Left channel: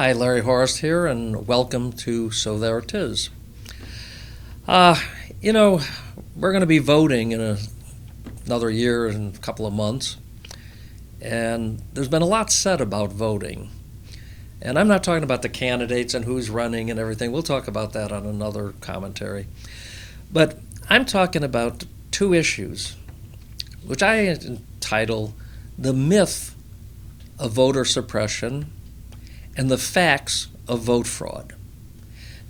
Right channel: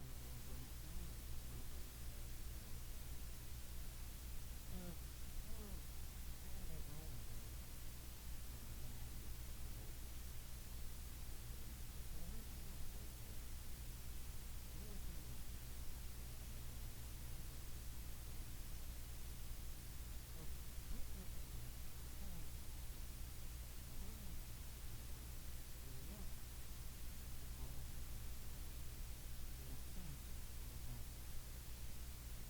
Hi, Larry Horist here, and welcome to So There It Is. Uh, you know, we're going to be voting in another year and a couple of months, and there's been a lot said about voting. And I'm not talking about the candidates and who's running and everything. We'll talk about that on another commentary. But I'm talking about two issues, which I entitle The Myth of Voter Suppression and the Facts of Vote Fraud.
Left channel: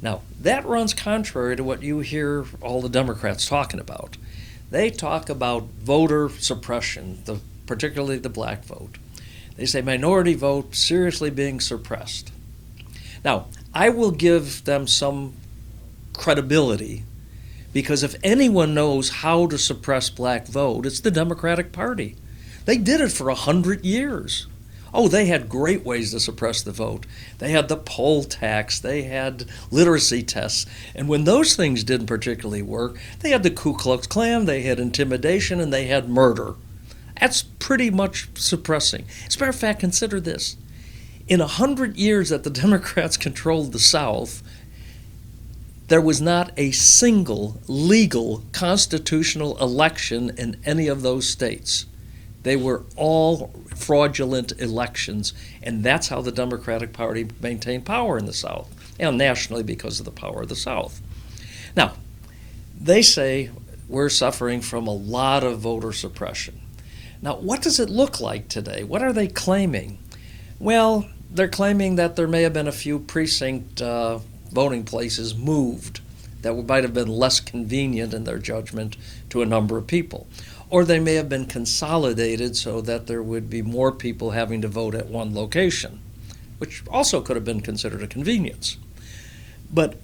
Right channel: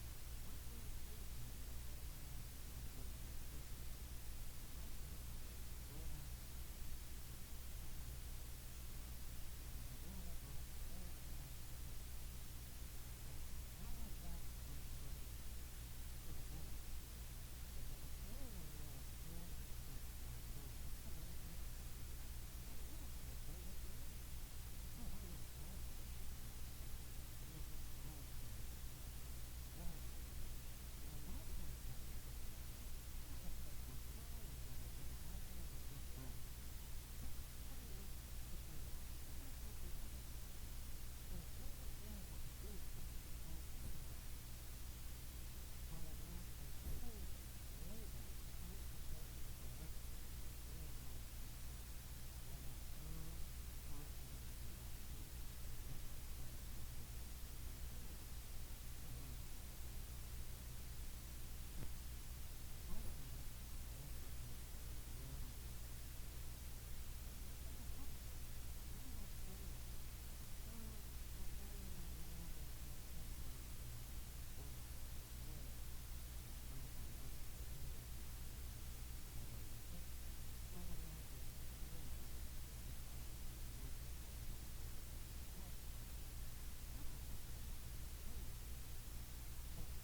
Now, that runs contrary to what you hear all the Democrats talking about. They talk about voter suppression, particularly the black vote. They say minority vote seriously being suppressed. Now, I will give them some credibility because if anyone knows how to suppress black vote, it's the Democratic Party. They did it for 100 years. Oh, they had great ways to suppress the vote. They had the poll tax, they had literacy tests, and when those things didn't particularly work, they had the Ku Klux Klan, they had intimidation, and they had murder. That's pretty much suppressing. As a matter of fact, consider this. In 100 years that the Democrats controlled the South, there was not a single legal constitutional election in any of those states. They were all fraudulent elections, and that's how the Democratic Party maintained power in the South, and nationally because of the power of the South. Now, they say we're suffering from a lot of voter suppression. Now, what does it look like today? What are they claiming? Well, they're claiming that there may have been a few precinct voting places moved that might have been less convenient in their judgment to a number of people. Or they may have been consolidated so that there would be more people having to vote at one location, which also could have been considered a convenience. But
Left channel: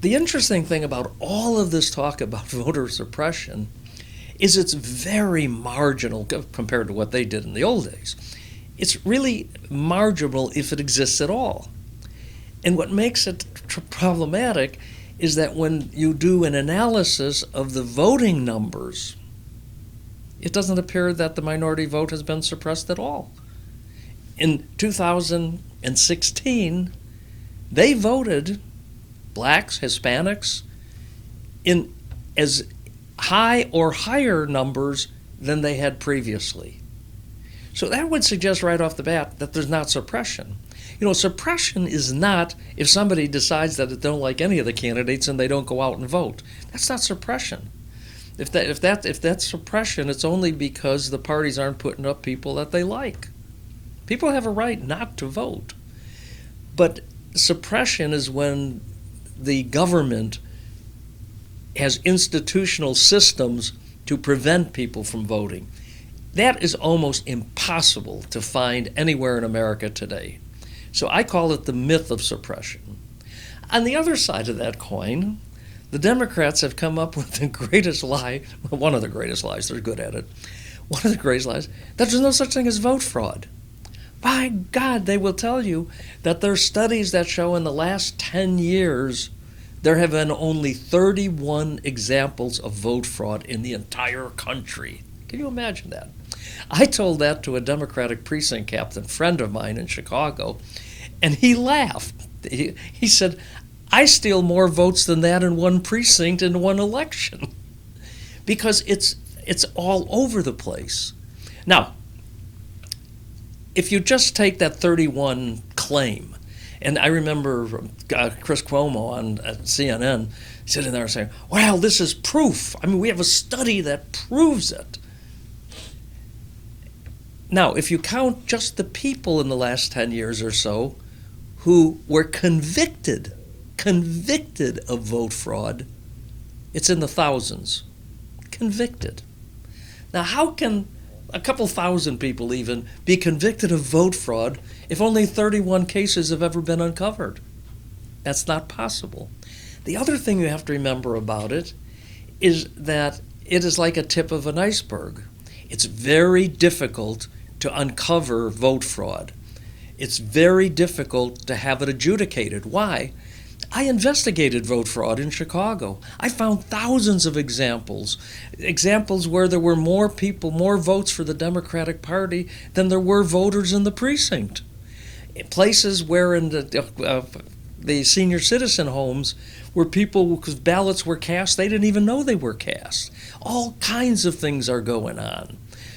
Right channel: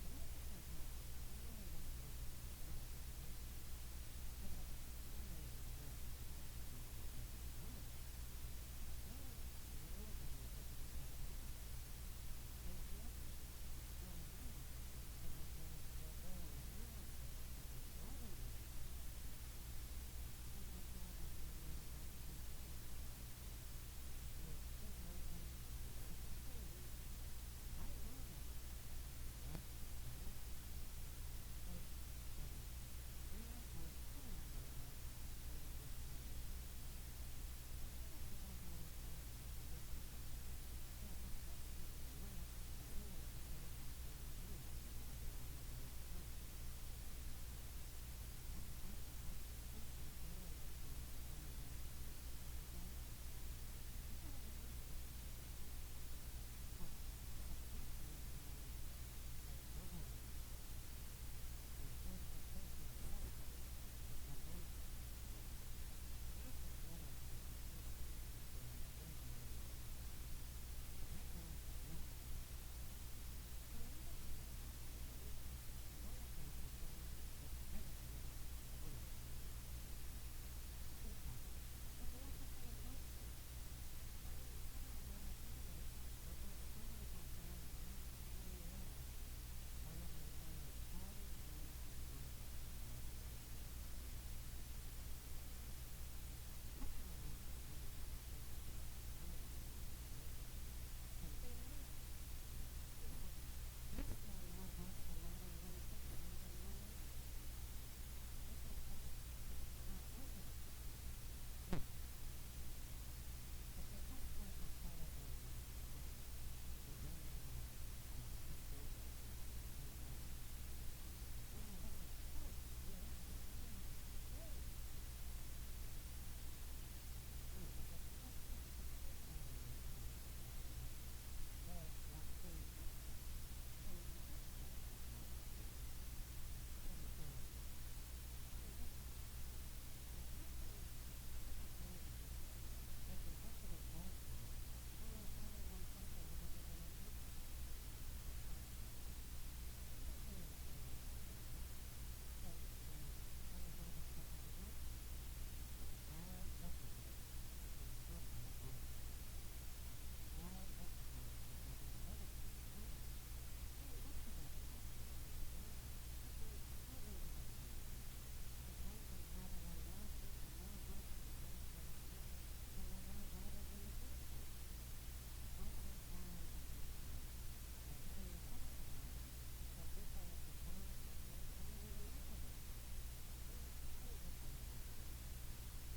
the interesting thing about all of this talk about voter suppression is it's very marginal compared to what they did in the old days. It's really marginal if it exists at all. And what makes it problematic is that when you do an analysis of the voting numbers, it doesn't appear that the minority vote has been suppressed at all. In 2016, they voted, blacks, Hispanics, in as high or higher numbers than they had previously. So that would suggest right off the bat that there's not suppression. You know, suppression is not if somebody decides that they don't like any of the candidates and they don't go out and vote. That's not suppression. If that's suppression, it's only because the parties aren't putting up people that they like. People have a right not to vote. But suppression is when the government has institutional systems to prevent people from voting. That is almost impossible to find anywhere in America today. So I call it the myth of suppression. On the other side of that coin, the Democrats have come up with the greatest lie, one of the greatest lies, they're good at it, one of the greatest lies, that there's no such thing as vote fraud. By God, they will tell you that there are studies that show in the last 10 years there have been only 31 examples of vote fraud in the entire country. Can you imagine that? I told that to a Democratic precinct captain, friend of mine in Chicago, and he laughed. He said, I steal more votes than that in one precinct in one election because it's all over the place. Now, if you just take that 31 claim, and I remember Chris Cuomo on CNN sitting there saying, well, this is proof. I mean, we have a study that proves it. Now, if you count just the people in the last 10 years or so who were convicted of vote fraud, it's in the thousands. Convicted. Now, how can a couple thousand people even be convicted of vote fraud if only 31 cases have ever been uncovered? That's not possible. The other thing you have to remember about it is that it is like a tip of an iceberg. It's very difficult to uncover vote fraud. It's very difficult to have it adjudicated. Why? I investigated vote fraud in Chicago. I found thousands of examples where there were more people, more votes for the Democratic Party than there were voters in the precinct. Places where in the senior citizen homes where people, because ballots were cast, they didn't even know they were cast. All kinds of things are going on.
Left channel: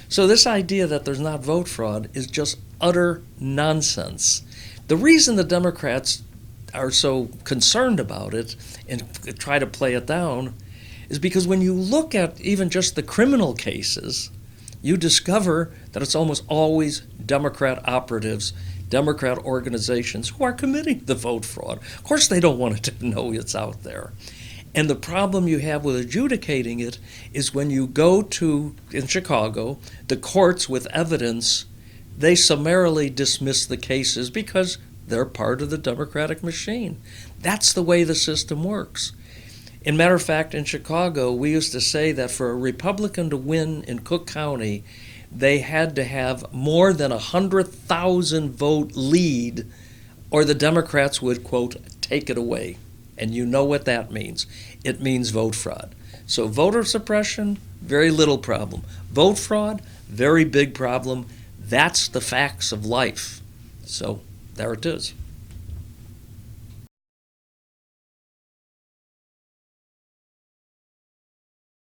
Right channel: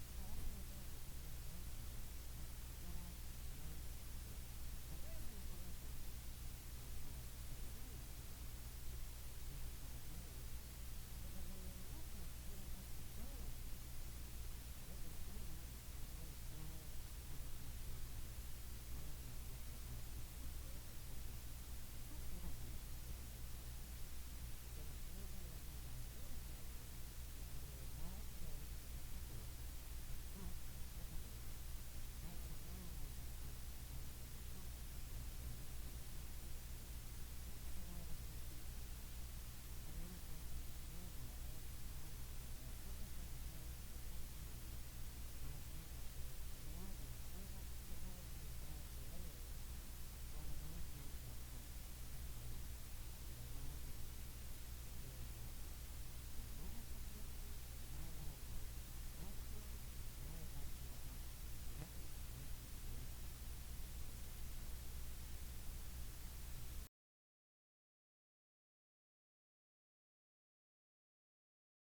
So this idea that there's not vote fraud is just utter nonsense. The reason the Democrats are so concerned about it and try to play it down is because when you look at even just the criminal cases, you discover that it's almost always Democrat operatives, Democrat organizations who are committing the vote fraud. Of course, they don't want it to know it's out there. And the problem you have with adjudicating it is when you go to, in Chicago, the courts with evidence, they summarily dismiss the cases because they're part of the Democratic machine. That's the way the system works. In matter of fact, in Chicago, we used to say that for a Republican to win in Cook County, they had to have more than 100,000 vote lead, or the Democrats would, quote, take it away. And you know what that means. It means vote fraud. So voter suppression, very little problem. Vote fraud, very big problem. That's the facts of life. So there it is.